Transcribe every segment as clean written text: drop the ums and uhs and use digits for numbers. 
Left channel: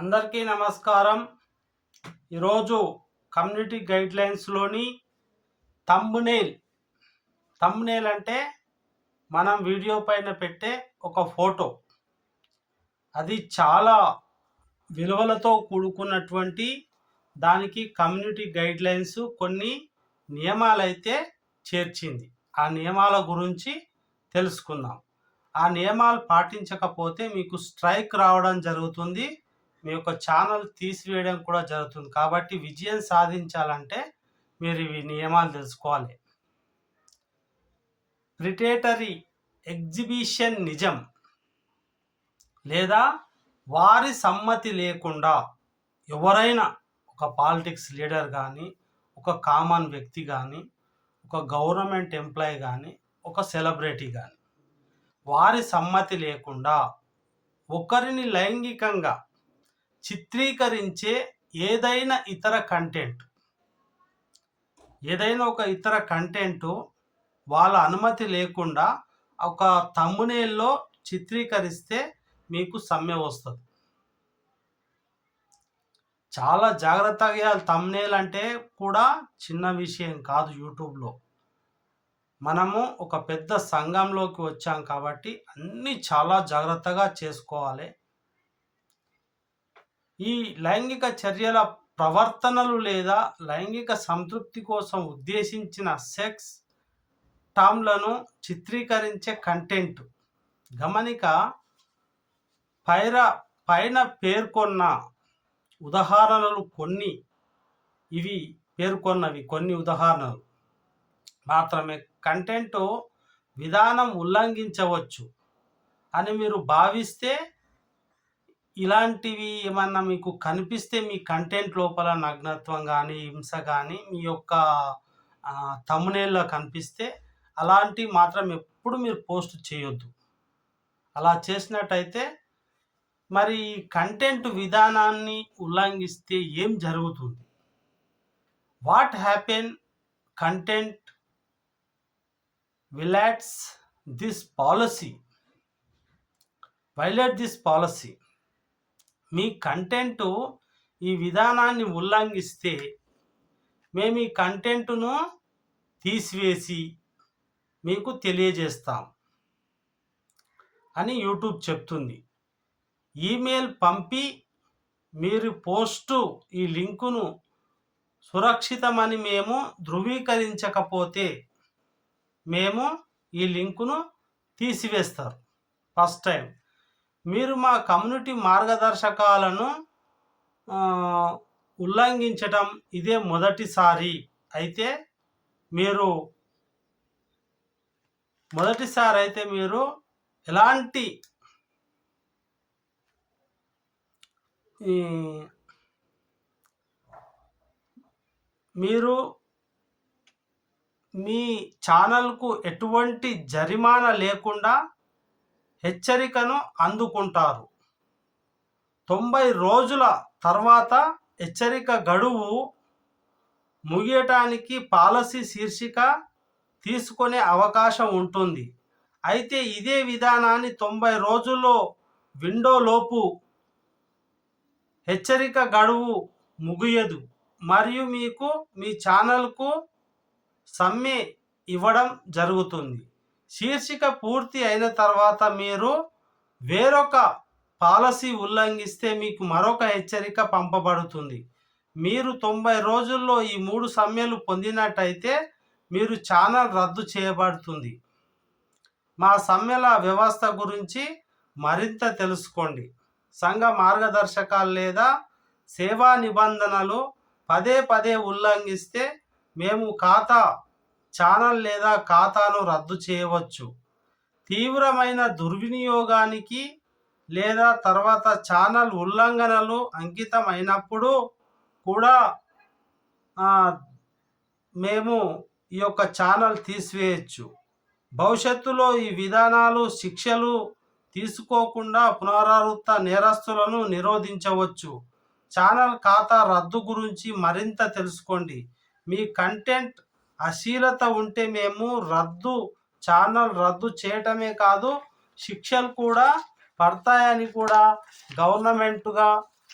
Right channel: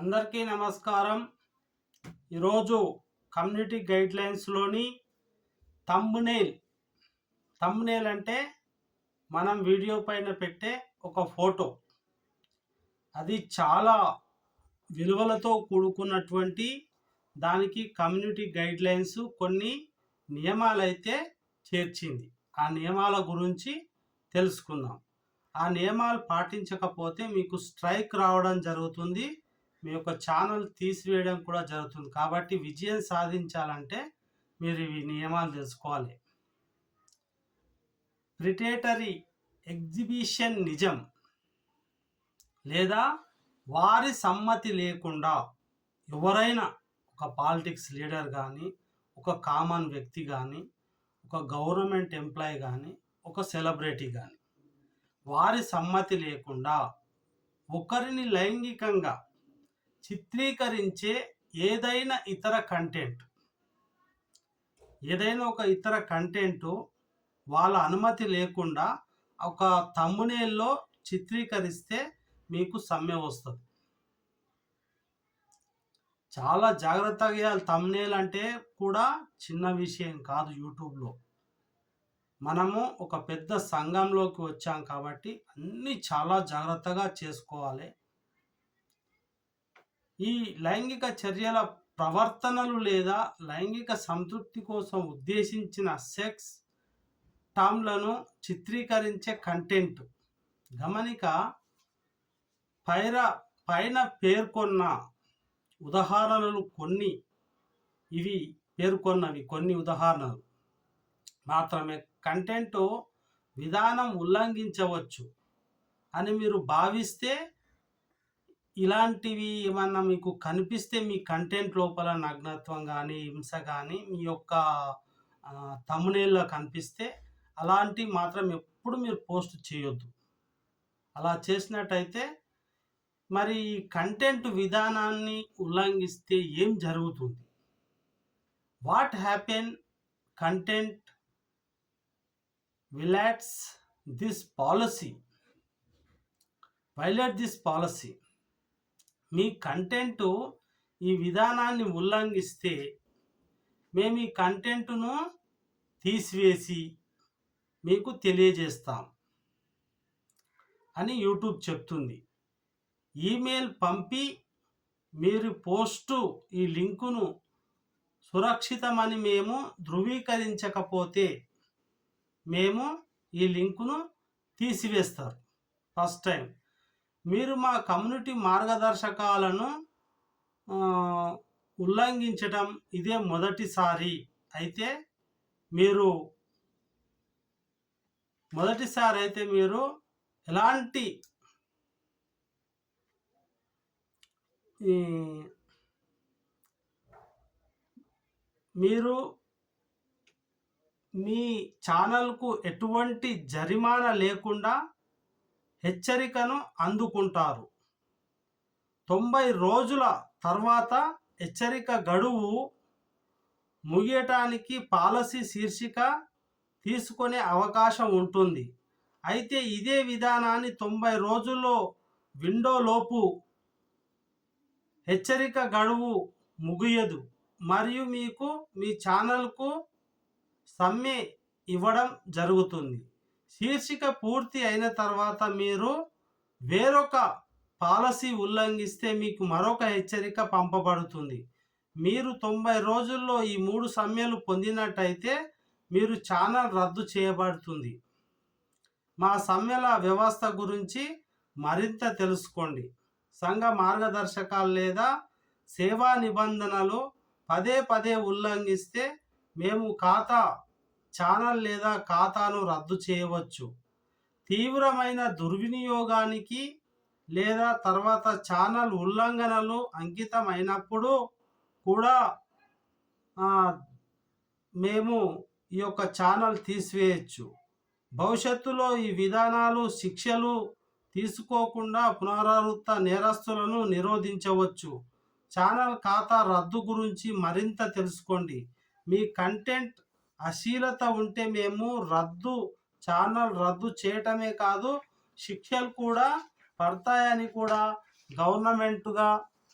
అందరికీ నమస్కారం. ఈరోజు కమ్యూనిటీ గైడ్లైన్స్లోని థంబ్నెయిల్ అంటే మనం వీడియో పైన పెట్టే ఒక ఫోటో. అది చాలా విలువలతో కూడుకున్నటువంటి దానికి కమ్యూనిటీ గైడ్లైన్స్ కొన్ని నియమాలైతే చేర్చింది. ఆ నియమాల గురించి తెలుసుకుందాం. ఆ నియమాలు పాటించకపోతే మీకు స్ట్రైక్ రావడం జరుగుతుంది, మీ యొక్క ఛానల్ తీసివేయడం కూడా జరుగుతుంది. కాబట్టి విజయం సాధించాలంటే మీరు ఇవి నియమాలు తెలుసుకోవాలి. ప్రిడేటరీ ఎగ్జిబిషన్ నిజం లేదా వారి సమ్మతి లేకుండా ఎవరైనా ఒక పాలిటిక్స్ లీడర్ కానీ, ఒక కామన్ వ్యక్తి కానీ, ఒక గవర్నమెంట్ ఎంప్లాయీ కానీ, ఒక సెలబ్రిటీ కానీ వారి సమ్మతి లేకుండా ఒకరిని లైంగికంగా చిత్రీకరించే ఏదైనా ఒక ఇతర కంటెంట్ వాళ్ళ అనుమతి లేకుండా ఒక థంబ్నెయిల్లో చిత్రీకరిస్తే మీకు సమ్మె వస్తుంది. చాలా జాగ్రత్తగా. థంబ్నెయిల్ అంటే కూడా చిన్న విషయం కాదు. యూట్యూబ్లో మనము ఒక పెద్ద సంఘంలోకి వచ్చాం కాబట్టి అన్నీ చాలా జాగ్రత్తగా చేసుకోవాలి. ఈ లైంగిక చర్యల ప్రవర్తనలు లేదా లైంగిక సంతృప్తి కోసం ఉద్దేశించిన సెక్స్ టామ్లను చిత్రీకరించే కంటెంట్ గమనిక పైన పేర్కొన్న ఉదాహరణలు కొన్ని ఉదాహరణలు మాత్రమే. కంటెంట్ విధానం ఉల్లంఘించవచ్చు అని మీరు భావిస్తే, ఇలాంటివి ఏమన్నా మీకు కనిపిస్తే మీ కంటెంట్ లోపల నగ్నత్వం కానీ, హింస కానీ మీ యొక్క థంబ్నెయిల్లో కనిపిస్తే అలాంటివి మాత్రం ఎప్పుడు మీరు పోస్ట్ చేయొద్దు. అలా చేసినట్టయితే మరి ఈ కంటెంట్ విధానాన్ని ఉల్లంఘిస్తే ఏం జరుగుతుంది? What happen content violate this policy. Me content ఈ విధానాన్ని ఉల్లంఘిస్తే మేము ఈ కంటెంట్ను తీసివేసి మీకు తెలియజేస్తాం అని యూట్యూబ్ చెప్తుంది. ఈమెయిల్ పంపి మీరు పోస్టు ఈ లింకును సురక్షితమని మేము ధృవీకరించకపోతే మేము ఈ లింకును తీసివేస్తారు. ఫస్ట్ టైం మీరు మా కమ్యూనిటీ మార్గదర్శకాలను ఉల్లంఘించటం ఇదే మొదటిసారి అయితే మీరు ఎలాంటి మీరు మీ ఛానల్కు ఎటువంటి జరిమానా లేకుండా హెచ్చరికను అందుకుంటారు. 90 రోజుల తర్వాత హెచ్చరిక గడువు ముగియటానికి పాలసీ శీర్షిక తీసుకునే అవకాశం ఉంటుంది. అయితే ఇదే విధానాన్ని 90 రోజుల్లో విండోలోపు హెచ్చరిక గడువు ముగియదు మరియు మీకు మీ ఛానల్కు సమ్మె ఇవ్వడం జరుగుతుంది. శీర్షిక పూర్తి అయిన తర్వాత మీరు వేరొక పాలసీ ఉల్లంఘిస్తే మీకు మరొక హెచ్చరిక పంపబడుతుంది. మీరు 90 రోజుల్లో ఈ 3 సమ్మెలు పొందినట్టయితే మీరు ఛానల్ రద్దు చేయబడుతుంది. మా సమ్మెల వ్యవస్థ గురించి మరింత తెలుసుకోండి. సంఘ మార్గదర్శకాలు లేదా సేవా నిబంధనలు పదే ఉల్లంఘిస్తే మేము ఛానల్ లేదా ఖాతాను రద్దు చేయవచ్చు. తీవ్రమైన దుర్వినియోగానికి లేదా తర్వాత ఛానల్ ఉల్లంఘనలు అంకితమైనప్పుడు కూడా మేము ఈ యొక్క ఛానల్ తీసివేయచ్చు. భవిష్యత్తులో ఈ విధానాలు శిక్షలు తీసుకోకుండా పునరావృత నేరస్తులను నిరోధించవచ్చు. ఛానల్ ఖాతా రద్దు గురించి మరింత తెలుసుకోండి. మీ కంటెంట్ అశ్లీలత ఉంటే మేము ఛానల్ రద్దు చేయటమే కాదు, శిక్షలు కూడా పడతాయని కూడా గవర్నమెంట్గా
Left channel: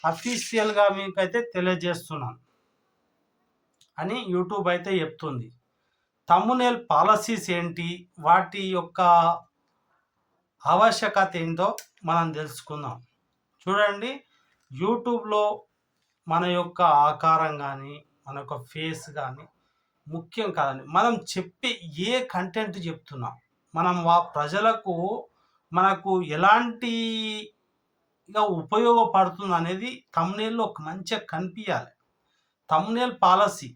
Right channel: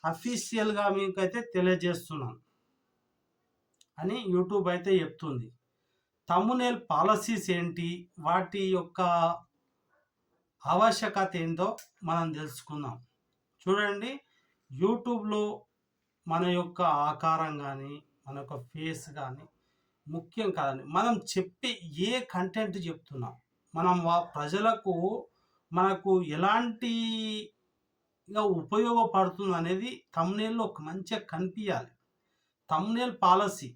అఫీషియల్‌గా మీకైతే తెలియజేస్తున్నాను అని యూట్యూబ్ అయితే చెప్తుంది. థంబ్‌నెయిల్ పాలిసీస్ ఏంటి? వాటి యొక్క ఆవశ్యకత ఏంటో మనం తెలుసుకుందాం. చూడండి, యూట్యూబ్‌లో మన యొక్క ఆకారం గానీ, మన యొక్క ఫేస్ గానీ ముఖ్యం కాదండి. మనం చెప్పే ఏ కంటెంట్ చెప్తున్నాం, మనం ప్రజలకు మనకు ఎలాంటిగా ఉపయోగపడుతుందనేది థంబ్‌నెయిల్‌లో ఒక మంచిగా కనిపియాలి. థంబ్‌నెయిల్ పాలిసీ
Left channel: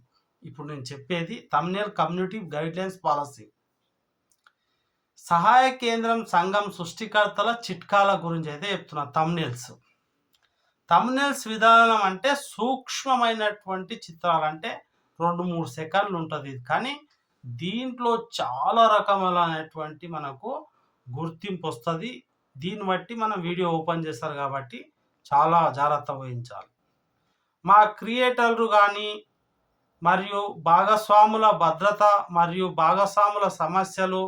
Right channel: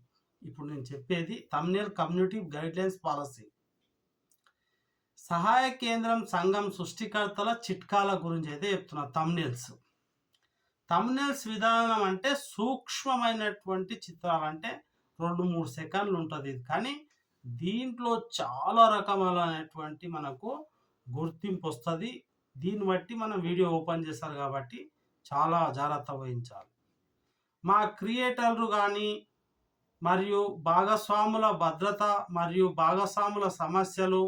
ఇప్పుడు నేను చెప్పేది థంబ్‌నెయిల్ కమ్యూనిటీ గైడ్‌లైన్స్ పాలిసీ. సహాయ కేంద్రం సంఘం సృష్టికర్తల చిట్కాల గురించి అయితే చెప్తున్నా. థంబ్‌నెయిల్స్ విధానం అంటే సూక్ష్మమైనటువంటి చిత్రాలు, అంటే 2-3 సెకన్లు ఉంటుంది. కానీ దీంట్లో చాలా రకములైనటువంటి మనకు గుర్తింపు వస్తుంది. దీన్ని బట్టి మనం వీడియో ఓపెన్ చేస్తారు కాబట్టి చాలా జాగ్రత్త వహించాలి. మా క్రియేటర్లు కానీ మరియు భాగస్వాముల భద్రత మరియు భాగస్వాముల సమస్యలు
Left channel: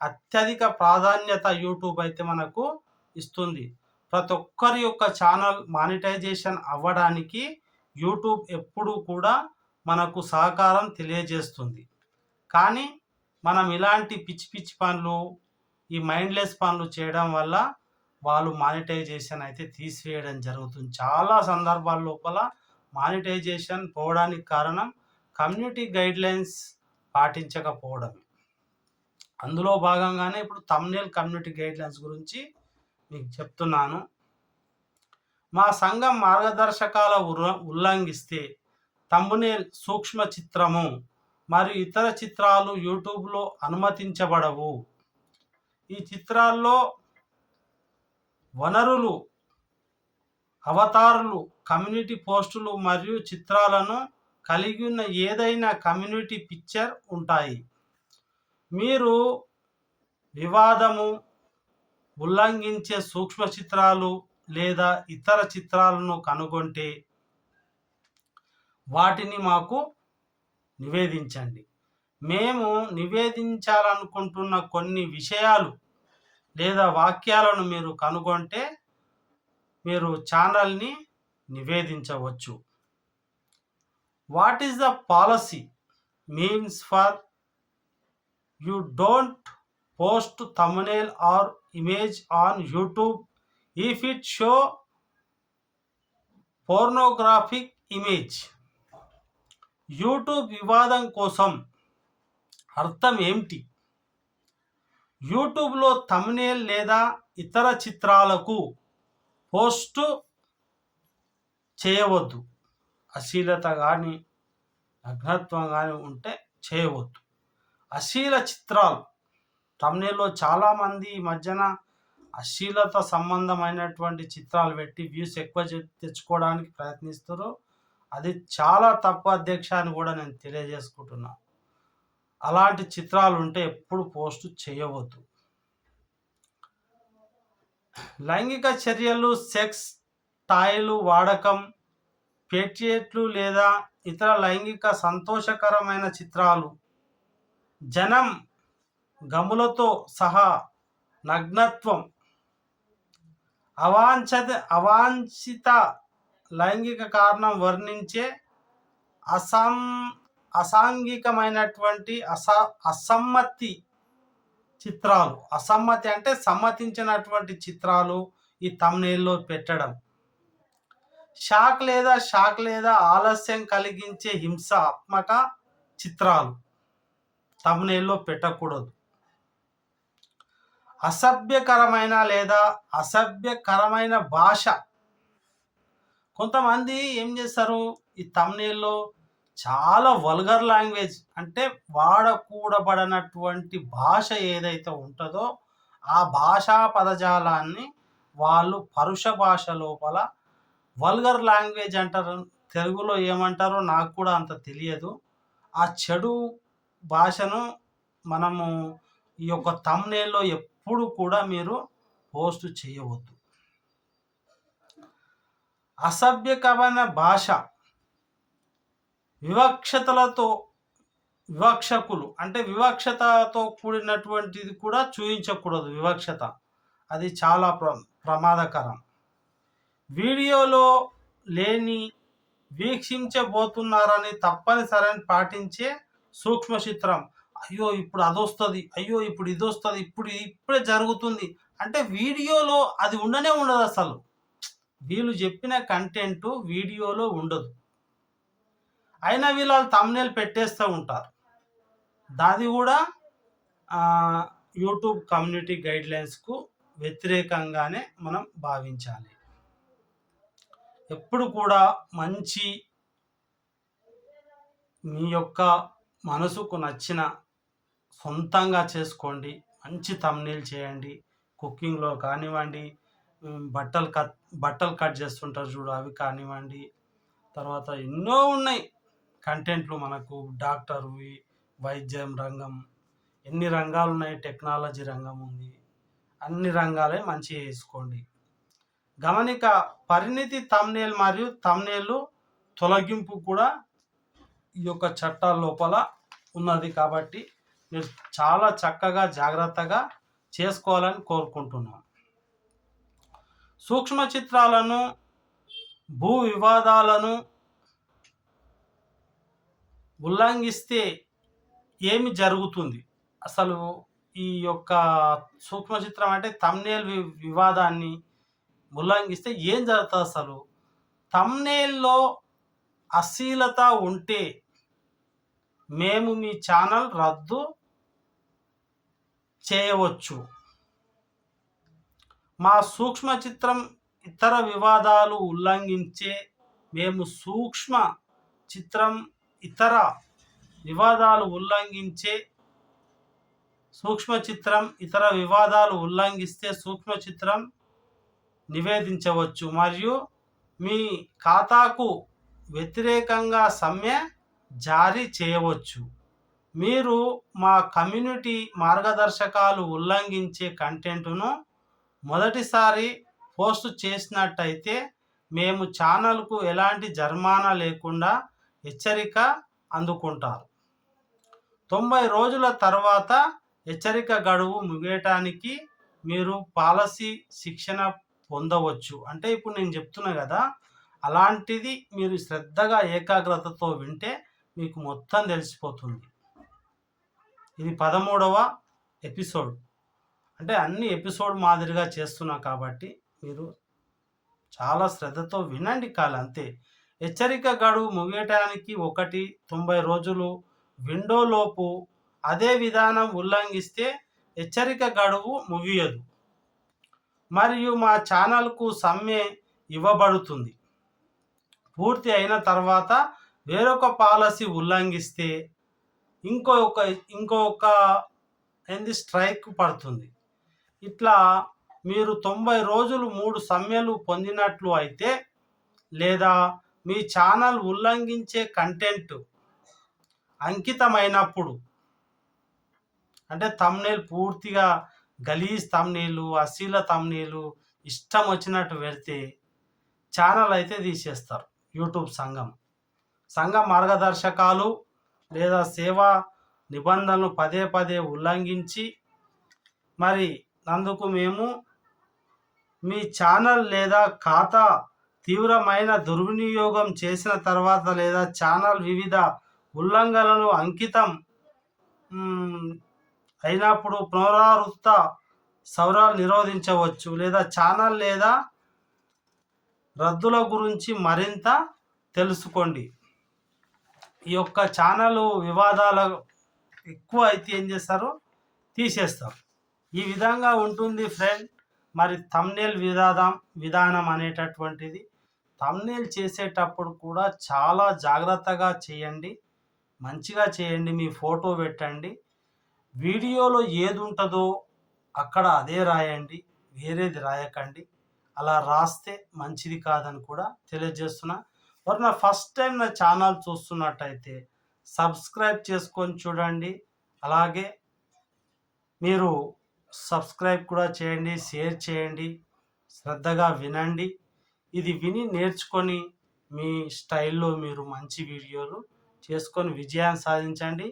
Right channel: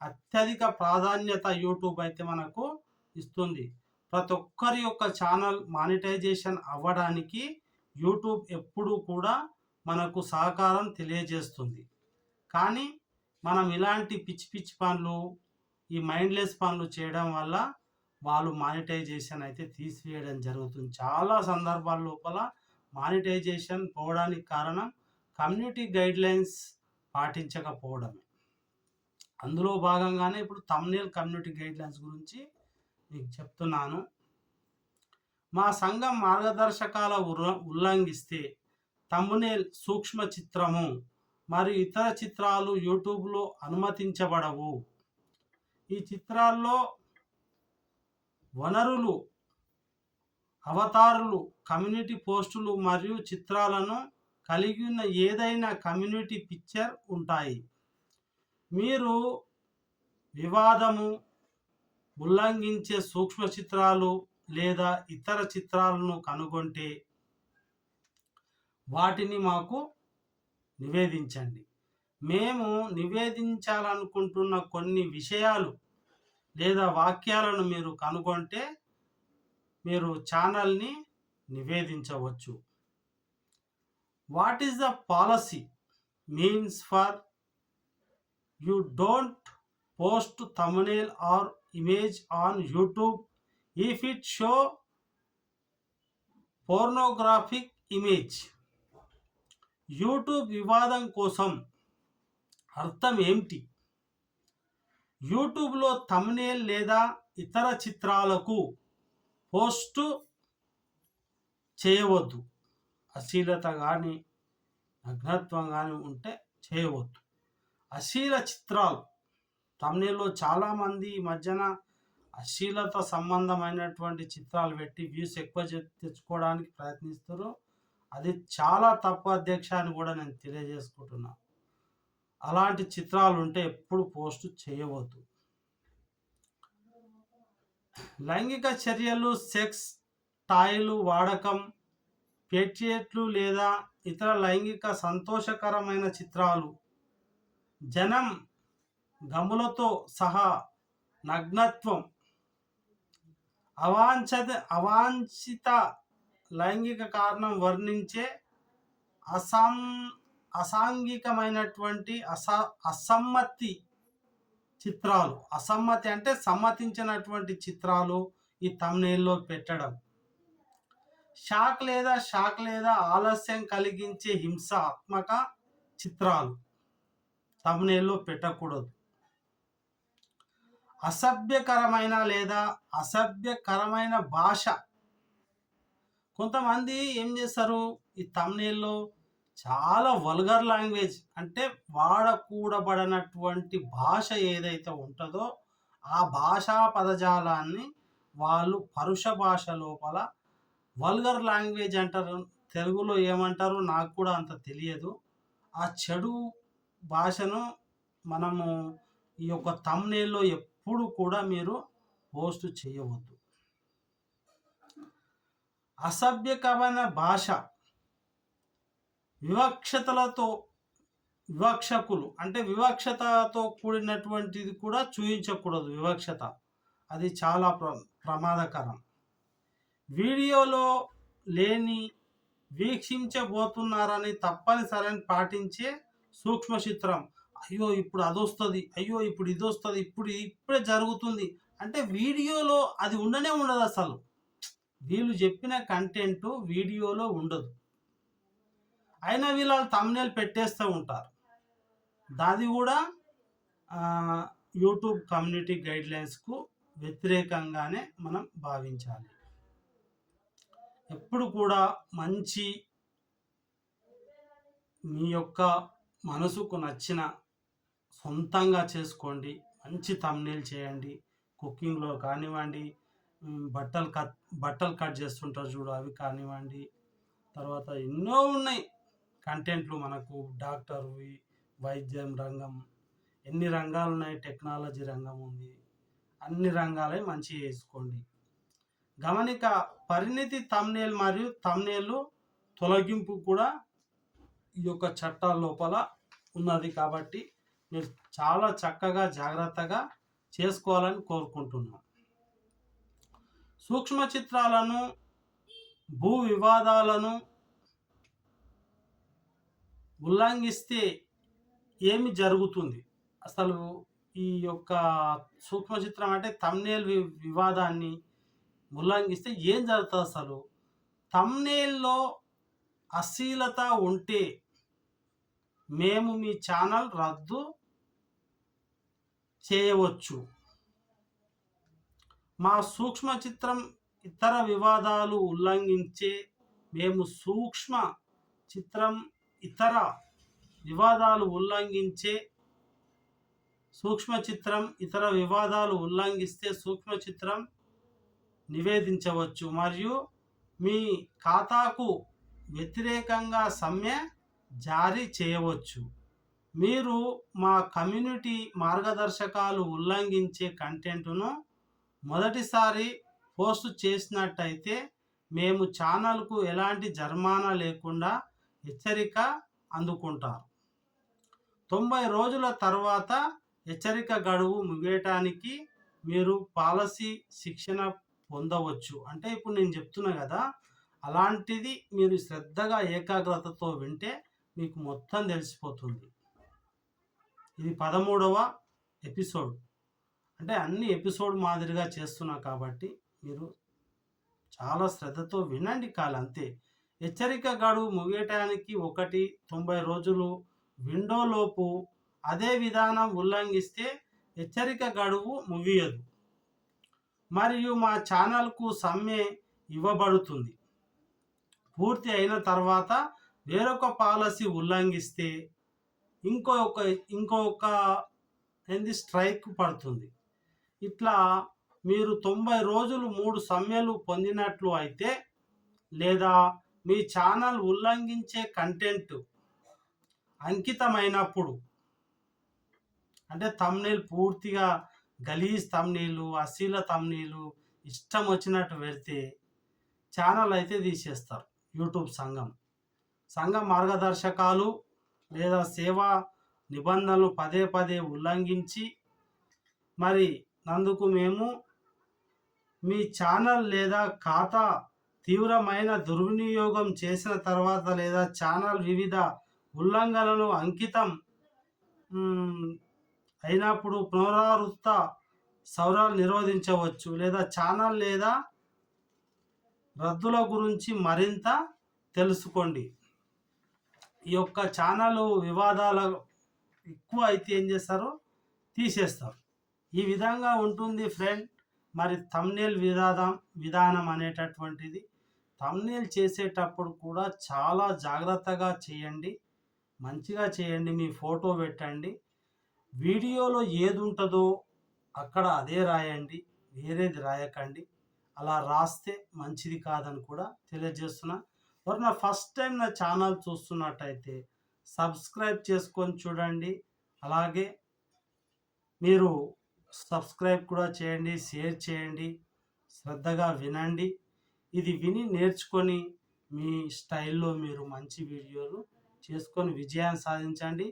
అత్యధిక ప్రాధాన్యత యూట్యూబ్ అయితే మనకు ఇస్తుంది. ప్రతి ఒక్కరి యొక్క ఛానల్ మానిటైజేషన్ అవ్వడానికి యూట్యూబ్ ఎప్పుడూ కూడా మనకు సహకారం తెలియజేస్తుంది. కానీ మనం ఇలాంటి పిచ్చి పిచ్చి పనులు, ఈ మైండ్లెస్ పనులు చేయడం వల్ల వాళ్ళు మానిటైజేషన్ అయితే తీసివేయడం జరుగుతుంది. చాలా సందర్భాల లోపల మానిటైజేషన్ పోవడానికి కారణం కమ్యూనిటీ గైడ్లైన్స్ పాటించకపోవడమే. అందులో భాగంగానే ఇప్పుడు థంబ్‌నెయిల్ కమ్యూనిటీ గైడ్లైన్స్ గురించి మీకు చెప్తున్నాను. మా సంఘం మార్గదర్శకాల ఉల్లంఘిస్తే థంబ్‌నెయిల్, సూక్ష్మ చిత్రము మరియు ఇతర చిత్రాలు యూట్యూబ్‌లో అనుమతించబడవు. ఈ చిత్రాల్లో వనరులు, అవతారులు, కమ్యూనిటీ పోస్టులు మరియు చిత్రాలను కలిగి ఉన్న ఏదైనా కమ్యూనిటీ పిక్చర్ ఉంటాయి. మీరు వివాదము, ఉల్లంఘించే సూక్ష్మ చిత్రాలు లేదా ఇతర చిత్రాలను కనుగొంటే వాటిని మాకు నివేదించండి. మేము నివేదించాలనుకుంటున్న కొన్ని విషయాలు లేదా వాక్యాలను మీరు కనుగొంటే మీరు ఛానల్ని నివేదించవచ్చు. What is the policy means for you don't post thumbnail or image on YouTube if it show pornographic image. YouTube వివాదం కోసం అర్థం ఏమిటి? యూట్యూబ్లో థంబ్‌నెయిల్ లేదా ఇతర చిత్రాలకు పోస్టు చేయవద్దు. అశ్లీలత కానీ నగ్నత్వం కానీ ఉంటే చేయవద్దు. అశ్లీల చిత్రాలు థంబ్‌నెయిల్‌లో చాలామంది ఈ మధ్యన అశ్లీలత సంబంధమైనటువంటి చిత్రాలు పెట్టి వ్యూస్ ఎక్కువ తెచ్చుకోవడానికి ప్రయత్నిస్తారు. అది చాలా తప్పు అధ్యక్ష అని కూడా నేను తెలియజేసుకుంటున్నా. అలాంటి చిత్రాలు ఉంటే ఎప్పుడు పోస్ట్ చేయవద్దు. లైంగిక చర్యలు, సెక్స్ టాయ్లు వాడకం, పేట్రియట్లు లేదా ఇతర లైంగిక సంతోషకరమైన చిత్రాలు, జనం గములతో సహా నగ్నత్వం, అవాంఛిత లైంగిక కారణం వర్ణించే అసాంఘికమైనటువంటి అసమ్మతి చిత్రాలు, అసమ్మతి అంటే సమ్మతించినటువంటి చిత్రాలు ఈ థంబ్‌నెయిల్‌లో పెట్టడం, షాక్ లేదా ఆలస్యం కలిగించే హింసాత్మక చిత్రాలు థంబ్‌నెయిల్‌లో పెట్టకూడదు. అసభ్యకరమైన భాష. కొంతమంది ఏం చేస్తారు, ఈ థంబ్‌నెయిల్‌లో చాలా వల్గర్ లాంగ్వేజ్ అంటే వాడకూడబడినటువంటి భాష ఏదైతే ఉంటుందో ఆ భాషా పదజాలాన్ని వాళ్ళు పరుష భాష లోపల వల్గర్ లాంగ్వేజ్ అంటారు. తెలుగులో ఏమంటారో నాకు కూడా అంత తెలియదు. ఆ చెడు భాషను మనము ఈ యొక్క థంబ్‌నెయిల్‌లో ఎప్పుడు కూడా మీరు పోస్ట్ చేయవద్దు. అసభ్యకరమైన భాష, వివక్షకులు అంటే వివక్షతతో కూడినటువంటిది కూడా చూపించకూడదు. వివక్షత అది చాలా ప్రమాదకరం. వీడియోలో లేని వీక్షించబోతున్నారని తప్పనిసరిని పాటించే సూక్ష్మ చిత్రం. అయ్యో! ఇప్పుడు అదొస్తది. అయ్యో! ఇప్పుడు ఇదొస్తది. ఇప్పుడే జరుగుతుంది. అంటే వీడియోలో అది ఉండనే ఉండదసలు. వీళ్ళు చెప్పిన కంటెంటు వీడియోలో ఉండదు. అయినా వీళ్ళు థంబ్‌నెయిల్ పెట్టేస్తూ ఉంటారు. దాది గూడా యూట్యూబ్ కమ్యూనిటీ గైడ్‌లైన్స్‌కు వ్యతిరేకంగానే మనం భావించాలి. ఎప్పుడు కూడా మంచి మీ యొక్క మనసుకు నచ్చిన సొంతంగా చేసుకోండి. మంచి థంబ్‌నెయిల్ చేయండి. కుకింగ్‌లో కానివ్వండి, బట్టలు బట్టలు కట్ చేస్తుంటారు చూడు అవి కానివ్వండి. తర్వాత ఎన్నో ఉన్నాయి కంటెంట్లు మనకు డాక్టర్‌వి, వైద్యం రంగం, ఎన్ని రంగాలున్నాయి. టెక్నాలజీ రంగం ఉంది. అన్ని రంగాలే మంచిగా చేసుకోండి. గమనిక పరిణితి థంబ్‌నెయిల్ మరియు థంబ్‌నెయిల్ తొలగింపు కూడా ఈ యొక్క చట్టాల లోపల ఉన్నది కాబట్టి మీరు చాలా చక్కగా జాగ్రత్తగా చేసుకోవాలని కోరుకుంటున్నాను. సూక్ష్మ చిత్రాలను, భూ వివాదాలను ఉల్లంఘిస్తే ఏమి జరుగుతుంది? అసలు ఈ యొక్క సూక్ష్మ చిత్రం అంటే థంబ్‌నెయిల్ వివాదాన్ని ఉల్లంఘిస్తే ఏం జరుగుతదసలు? థంబ్‌నెయిల్‌లో అశ్లీలత ఉంటే మేము మీ ఛానల్ రద్దు చేయవచ్చు. మా సూక్ష్మ చిత్రం ఇతర వివాదాలు ఉల్లంఘించే మేము సూక్ష్మ చిత్రం ఇతర వివాదాలు ఉల్లంఘించే ఇతర వివాదాలు ఉల్లంఘిస్తే సూక్ష్మ చిత్రం నివేదించవచ్చు మరియు మీ ఖాతాకు వ్యతిరేకంగా సమ్మె జారీ చేయవచ్చు. మీరు మా కమ్యూనిటీ మార్గదర్శకాలు ఉల్లంఘించే కంటెంట్ను మొదటిసారి పోస్ట్ చేసినట్టయితే మేము ఛానల్కు ఎలాంటి జరిమానా లేకుండా హెచ్చరిక అందుకుంటారు. 90 రోజుల తర్వాత హెచ్చరిక గడువు ముగియటానికి మీరు పాలసీ శిక్షణ పొందవచ్చు. అంటే ఇప్పుడు నేను చెప్తున్నా కదా, అలాంటిది మీరు శ్రద్ధగా ఏకాగ్రతతో వింటే మీకు మొత్తం తెలిసిపోతుంది. ఇది 13వ ఎపిసోడ్. అంటే అన్ని ఎపిసోడ్ మాదిరిగా చేస్తున్నా కాబట్టి మీరు చాలా శ్రద్ధతో వినండి అంతే. హెచ్చరిక గడువు ముగియటానికి 90 రోజులు విండోలోపు అదే విధానం ఉల్లంఘిస్తే హెచ్చరిక గడువు ముగియదు మరియు మా ఛానల్కు సమ్మె ఇవ్వబడుతుంది. పూర్తి అయిన తర్వాత వేరొక పాలసీ ఉల్లంఘిస్తే ఇంకొక స్ట్రైక్ పడుతుంది. ఇట్లా మీరు 90 రోజులు 3 సమ్మెలు పొందినట్లు అయితే లేదా మీ ఛానల్ ఉల్లంఘించే కంటెంట్ అంకితమైనప్పుడు, అంటే థంబ్‌నెయిల్ పూర్తిగా గలీజ్ థంబ్‌నెయిల్, అశ్లీల థంబ్‌నెయిల్ ఇష్టం వచ్చినట్టు పెడితే ఛానల్ అయితే తీసేస్తారు. యూట్యూబ్ సంఘం మార్గదర్శకాలు లేదా సేవా నిబంధనలు పదే ఉల్లంఘించి మరి నందుకు మేము మీ ఛానల్ లేదా ఖాతా తీవ్రమైన దుర్వినియోగం చేసిన తర్వాత లేదా ఛానల్ వివిధ ఉల్లంఘనలు అంకితం అయినప్పుడు పునరావృత సవరాలు నిరోధించవచ్చు లేదా ఛానల్ లేదా రద్దుల గురించి మరింత తెలుసుకోండి. ఈ యొక్క ఛానల్ వివాదాలు ఎక్కువ అయితే ఏం చేస్తారు, తీసేస్తారు. ఈ విధంగా ఉంటుంది ఫ్రెండ్. మరి థంబ్‌నెయిల్ విధానం అనేటటువంటిది థంబ్‌నెయిల్ చేసేటప్పుడు కూడా చాలా జాగ్రత్తగా చేయండి. మంచిగా చేయండి. మీ ఫోటో పెట్టండి. వీడియోలో ఏది ఉంటుందో అక్కడ అదే రాయండి, వేరేది రాయకండి. అలా రాస్తే మంచిది కాదని కూడా తెలియజేస్తున్నా. ఎవరైనా ఫస్ట్ టైం నా ఛానల్ చూస్తున్నట్టయితే సబ్స్క్రైబ్ చేసుకొని చూడండి. అలాగే మీరు సబ్స్క్రైబ్ కూడా చేయండి, షేర్ చేయండి, శ్రద్ధగా వినండి. ఇది విని నేర్చుకొని మీ స్టైల్లో మీరు మంచి వీడియోలు చేసుకొని విజయాన్ని సాధించండి,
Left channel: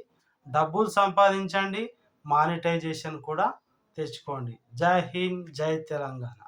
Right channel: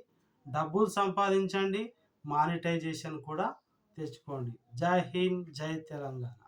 డబ్బులు సంపాదించండి, మానిటైజేషన్ కూడా తెచ్చుకోండి. జై హింద్, జై తెలంగాణ.